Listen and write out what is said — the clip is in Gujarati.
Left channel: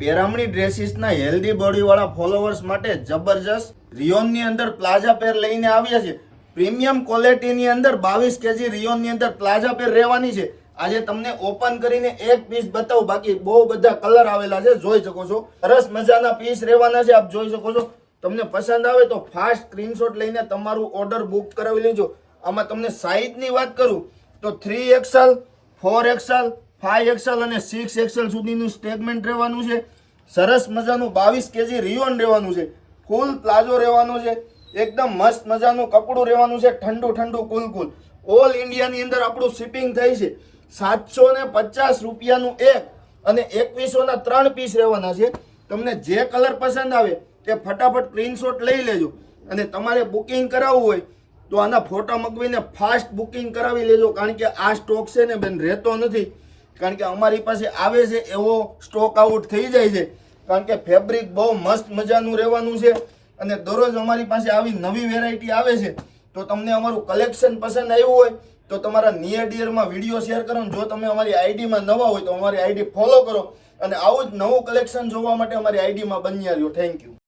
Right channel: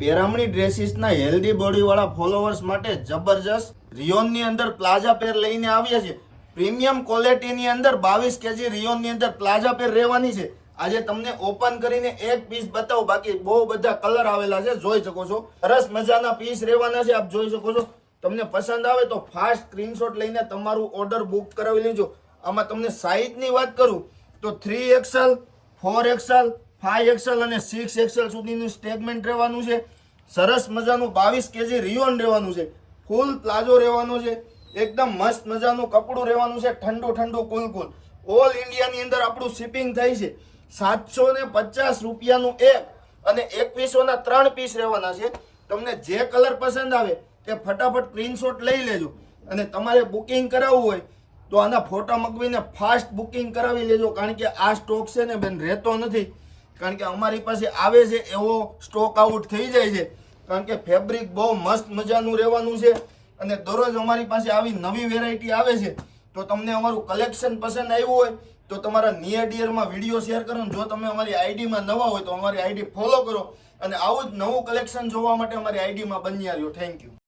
પેરામણી ડ્રેસીસના હેલ્ધી બોડીવાળા ફોલોવર્સ માટે જબરજસ્ત રિયોનની અંદર પ્લાઝા પેર લઈને આવ્યા છે. પ્રીમિયમ ક્વોલિટીની અંદર 22 કેજી રિયોનની અંદર પ્લાઝા પેર રહેવાની છે. આજે તમને ઓપન કરીને એક પીસ બતાવું, બાકી બહુ બધા કલર આવેલા છે, જોઈ શકો છો. સરસ મજાના પીસ રહેવાના છે, આપ જોઈ શકો છો. તમને પસંદ આવે તો ફાસ્ટ સ્ક્રીનશોટ લઈને તમારું ઓર્ડર બુક કરાવી લેજો. આમાં તમને સાઇઝની વાત કરું તો 3XL, 4XL, 5XL અને 6XL સુધીનું સ્ટેગમેન્ટ રહેવાનું છે. સરસ મજાનું 22 કેજી રિયોન રહેવાનું છે. ફૂલ પ્લાઝો રહેવાનો છે. એકદમ મસ્ત મજાનું કપડું રહેવાનું છે. ઠંડુ ઠંડુ કુલકુલ. ઓલ ઇન્ડિયાની અંદર આપણું શિપિંગ થાય છે. 750 રૂપિયાનું એક અને 2100ના 3 પીસ રહેવાના છે. તમને જે કલર પસંદ આવે તે ફટાફટ સ્ક્રીનશોટ લઈ લેજો. અને તમારે બુકિંગ કરાવવું હોય તો આના ફોટા મગવીને ફાસ્ટ બુકિંગ કરાવી લેજો, કારણ કે આ સ્ટોક છે ને બેન રહેતો નથી. કારણ કે અમારી પાસે આવે છે એવો સ્ટોક આઉટ થઈ જાય છે. કારણ કે ફેબ્રિક બહુ મસ્ત મજાનું રહેવાનું છે અને દરરોજ અમારી પાસે આવી નવી વેરાયટી આવે છે. તો તમને અમારું કલેક્શન પસંદ આવ્યું હોય તો તમારા નિયર ડિયરમાં વિડીયો શેર કરો. જો તમે અમારી આઈડીમાં નવા હોય તો અમારી આઈડી ફોલો કરો અને આવું જ નવું કલેક્શન જોવા માટે અમારી આઈડીમાં બન્યા રહ્યો. Thank you.